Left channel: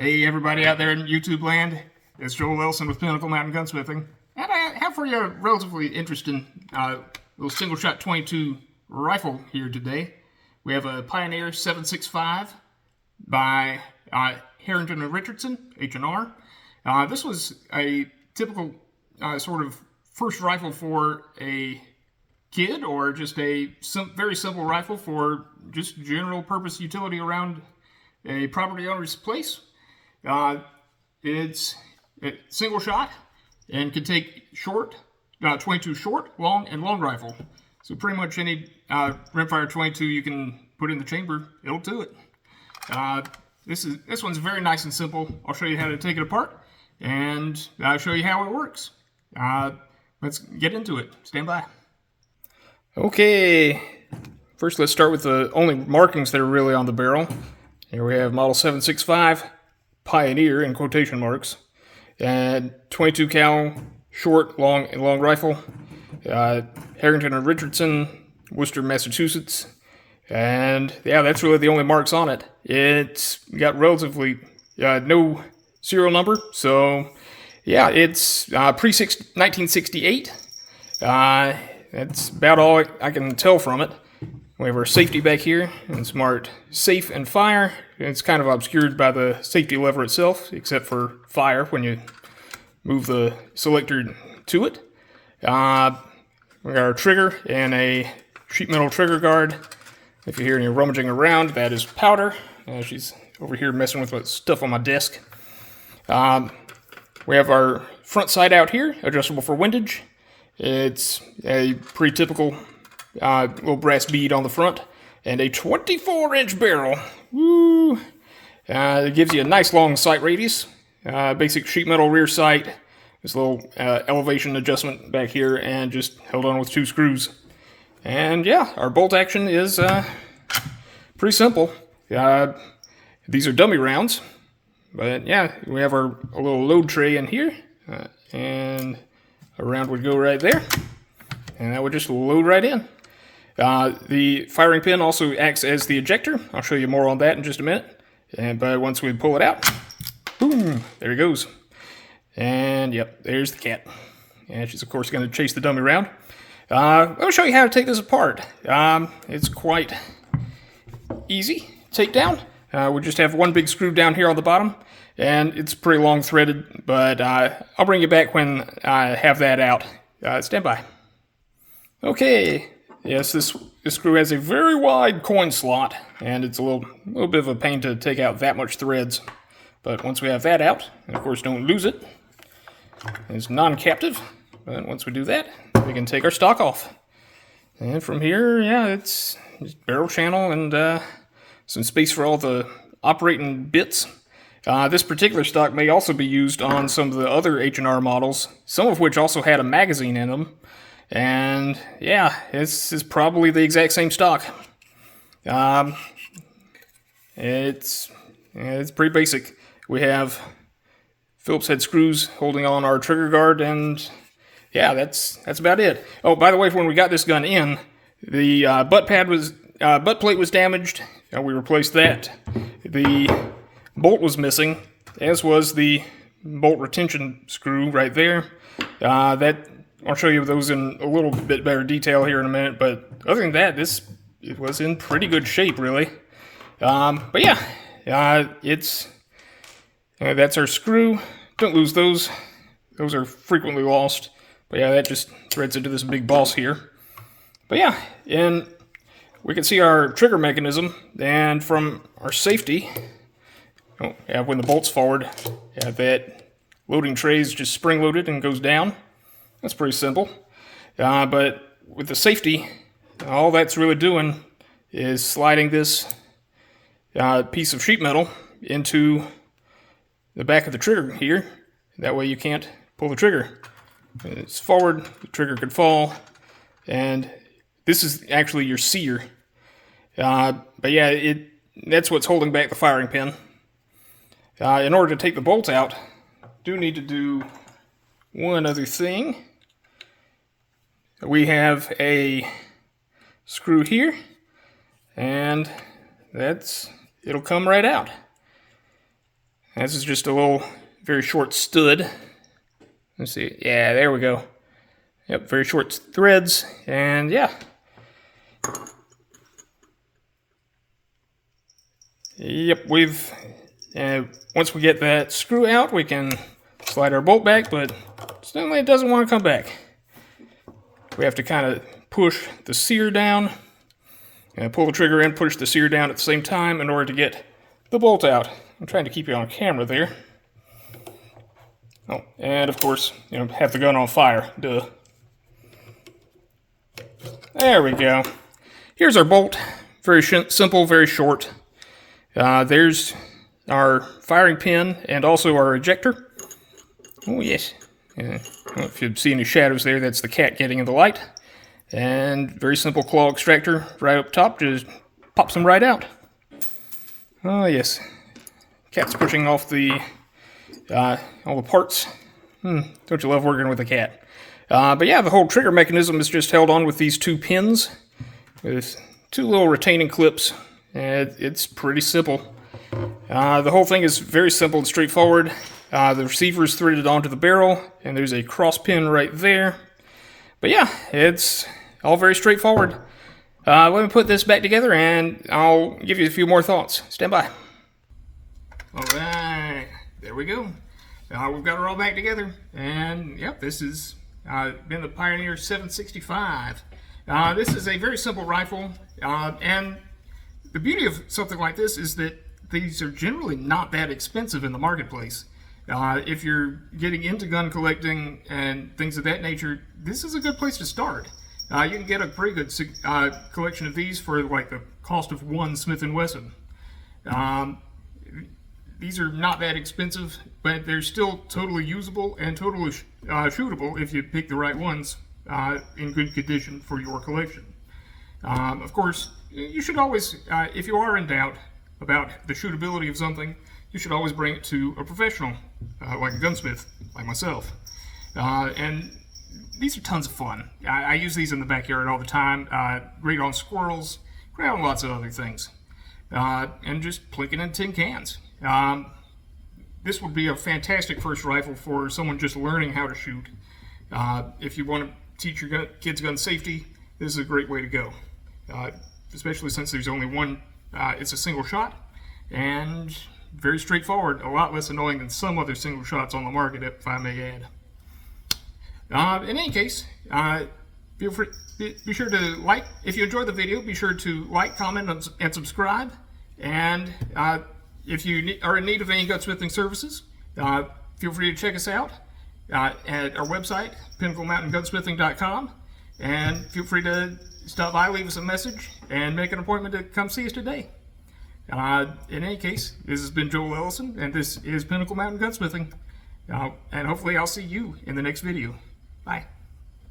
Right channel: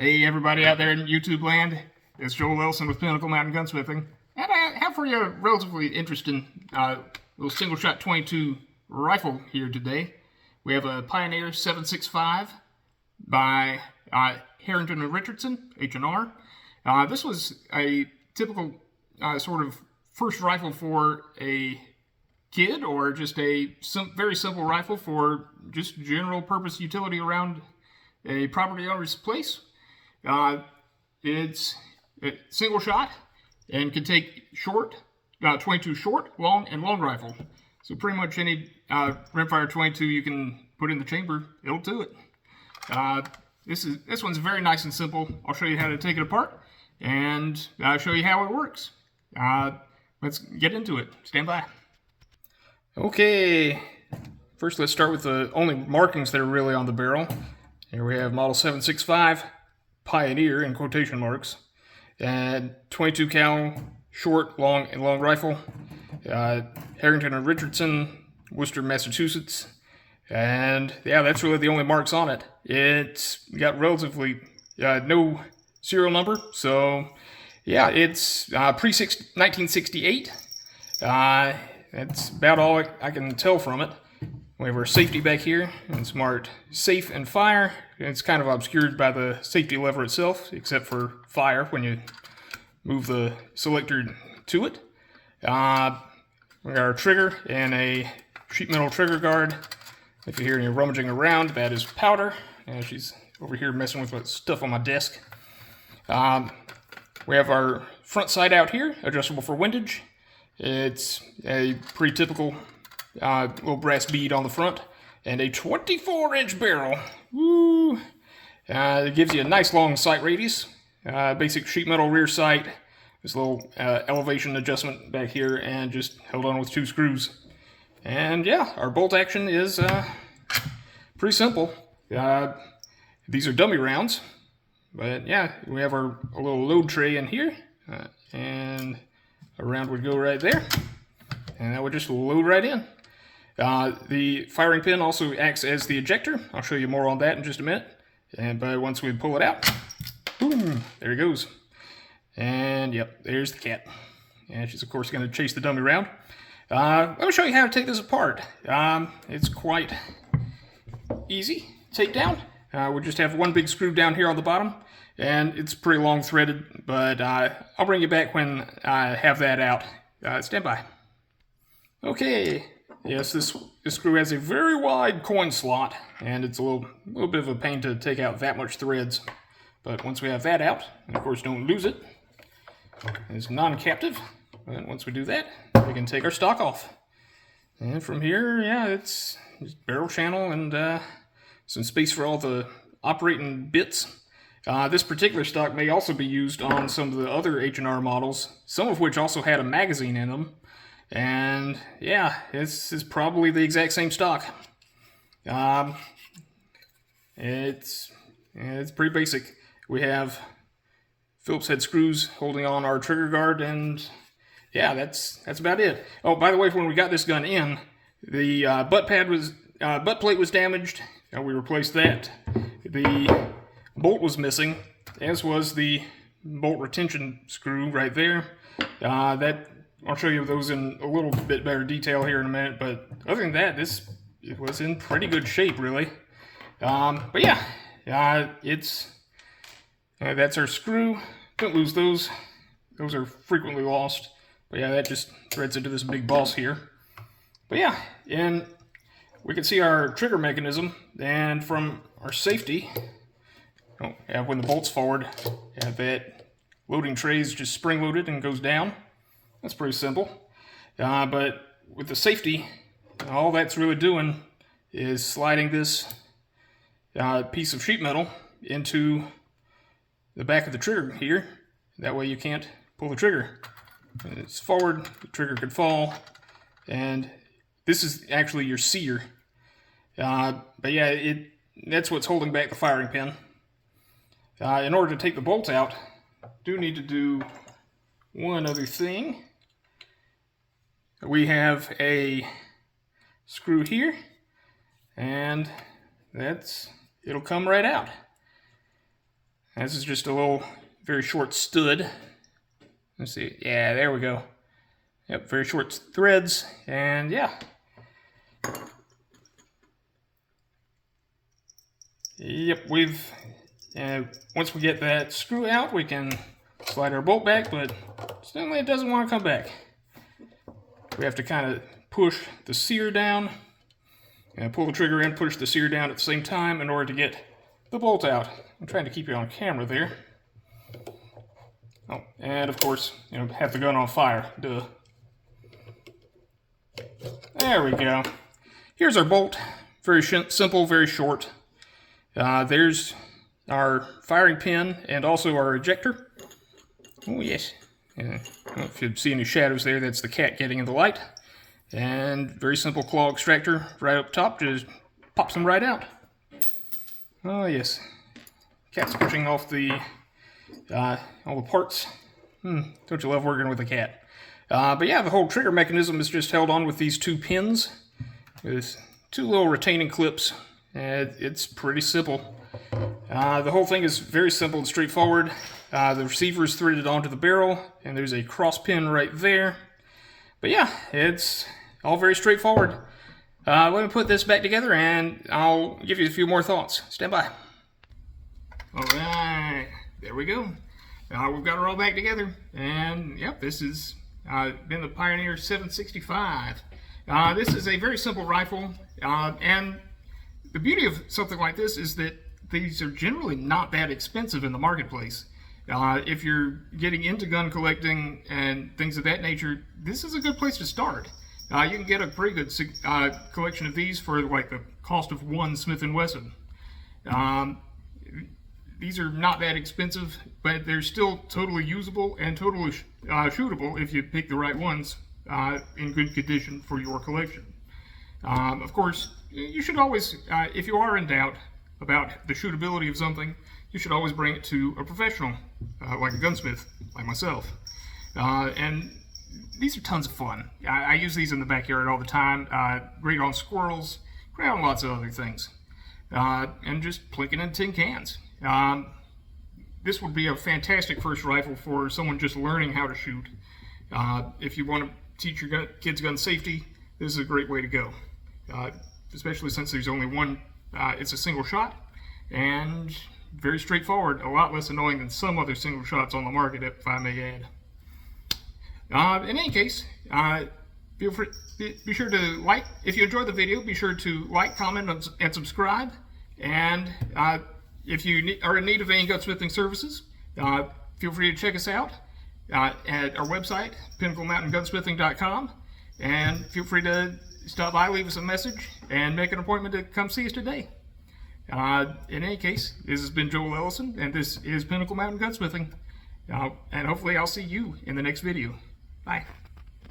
Hey everybody out there in YouTube land, it's Joel Wilson with Pinnacle Mountain Gunsmithing, and I have for you a relatively interesting little single-shot 22 rifle here today. We have a Pioneer 765 by Harrington and Richardson, H&R. This was a typical sort of first rifle for a kid, or just a very simple rifle for just general purpose utility around a property owner's place. It's a single shot and can take short, 22 short, long, and long rifle. So pretty much any rimfire 22 you can put in the chamber, it'll do it. This one's very nice and simple. I'll show you how to take it apart and I'll show you how it works. Let's get into it. Stand by. Okay, first let's start with the only markings that are really on the barrel. Here we have model 765 Pioneer in quotation marks, and 22 cal short, long, and long rifle. Harrington and Richardson, Worcester, Massachusetts, and yeah, that's really the only marks on it. It's got relatively no serial number, so yeah, it's pre-1968. That's about all I can tell from it. We have our safety back here, and smart safe and fire. It's kind of obscured by the safety lever itself, except for fire when you move the selector to it. We got our trigger and a sheet metal trigger guard. If you hear any rummaging around, that is powder. She's over here messing with stuff on my desk. We have our front sight out here, adjustable for windage. It's a pretty typical little brass bead on the front, and a 24-inch barrel. Woo! It gives you a nice long sight radius. Basic sheet metal rear sight. This little elevation adjustment back here, and just held on with 2 screws. And yeah, our bolt action is pretty simple. These are dummy rounds, but yeah, we have a little load tray in here, and a round would go right there, and that would just load right in. The firing pin also acts as the ejector. I'll show you more on that in just a minute. But once we pull it out, boom, there it goes. And yep, there's the cat. And she's of course going to chase the dummy round. Let me show you how to take this apart. It's quite easy to take down. We just have one big screw down here on the bottom, and it's pretty long threaded, but I'll bring you back when I have that out. Stand by. Okay. Yes, this screw has a very wide coin slot, and it's a little bit of a pain to take out that much threads. But once we have that out, and of course don't lose it, it's non-captive. But once we do that, we can take our stock off. And from here, yeah, it's barrel channel and some space for all the operating bits. This particular stock may also be used on some of the other H&R models, some of which also had a magazine in them. And yeah, this is probably the exact same stock. It's pretty basic. We have Phillips head screws holding on our trigger guard, and yeah, that's about it. Oh, by the way, when we got this gun in, the butt plate was damaged. We replaced that. The bolt was missing, as was the bolt retention screw right there. I'll show you those in a little bit better detail here in a minute, but other than that, it was in pretty good shape, really. But yeah, that's our screw. Don't lose those. Those are frequently lost. But yeah, that just threads into this big boss here. But yeah, and we can see our trigger mechanism, and from our safety, when the bolt's forward, that loading tray is just spring-loaded and goes down. That's pretty simple. But with the safety, all that's really doing is sliding this piece of sheet metal into the back of the trigger here. That way you can't pull the trigger. When it's forward, the trigger could fall. And this is actually your sear. But yeah, that's what's holding back the firing pin. In order to take the bolt out, do need to do one other thing. We have a screw here, and it'll come right out. This is just a little, very short stud. Let's see. Yeah, there we go. Yep, very short threads, and yeah. Yep, once we get that screw out, we can slide our bolt back, but suddenly it doesn't want to come back. We have to kind of push the sear down, and pull the trigger in, push the sear down at the same time in order to get the bolt out. I'm trying to keep you on camera there. Oh, and of course, have the gun on fire. Duh. There we go. Here's our bolt. Very simple, very short. There's our firing pin and also our ejector. Oh, yes. If you see any shadows there, that's the cat getting in the light. And very simple claw extractor right up top, just pops them right out. Oh, yes. Cat's pushing off all the parts. Don't you love working with a cat? But yeah, the whole trigger mechanism is just held on with these two pins with two little retaining clips. It's pretty simple. The whole thing is very simple and straightforward. The receiver is threaded onto the barrel, and there's a cross pin right there. But yeah, it's all very straightforward. Let me put this back together, and I'll give you a few more thoughts. Stand by. All right, there we go. We've got it all back together, and yep, this has been the Pioneer 765. This is a very simple rifle, and the beauty of something like this is that these are generally not that expensive in the marketplace. If you're getting into gun collecting and things of that nature, this is a good place to start. You can get a pretty good collection of these for like the cost of one Smith & Wesson. These are not that expensive, but they're still totally usable and totally shootable if you pick the right ones in good condition for your collection. Of course, you should always, if you are in doubt about the shootability of something, you should always bring it to a professional, like a gunsmith, like myself. And these are tons of fun. I use these in the backyard all the time. Great on squirrels, great on lots of other things. And just plinking in tin cans. This would be a fantastic first rifle for someone just learning how to shoot. If you want to teach your kids gun safety, this is a great way to go. Especially since there's only one, it's a single shot, and very straightforward, a lot less annoying than some other single shots on the market, if I may add. In any case, feel free, be sure to like, if you enjoyed the video, be sure to like, comment, and subscribe. And if you are in need of any gunsmithing services, feel free to check us out at our website, pinnaclemountaingunsmithing.com. And feel free to stop by, leave us a message, and make an appointment to come see us today. In any case, this has been Joel Ellison, and this is Pinnacle Mountain Gunsmithing. And hopefully I'll see you in the next video. Bye.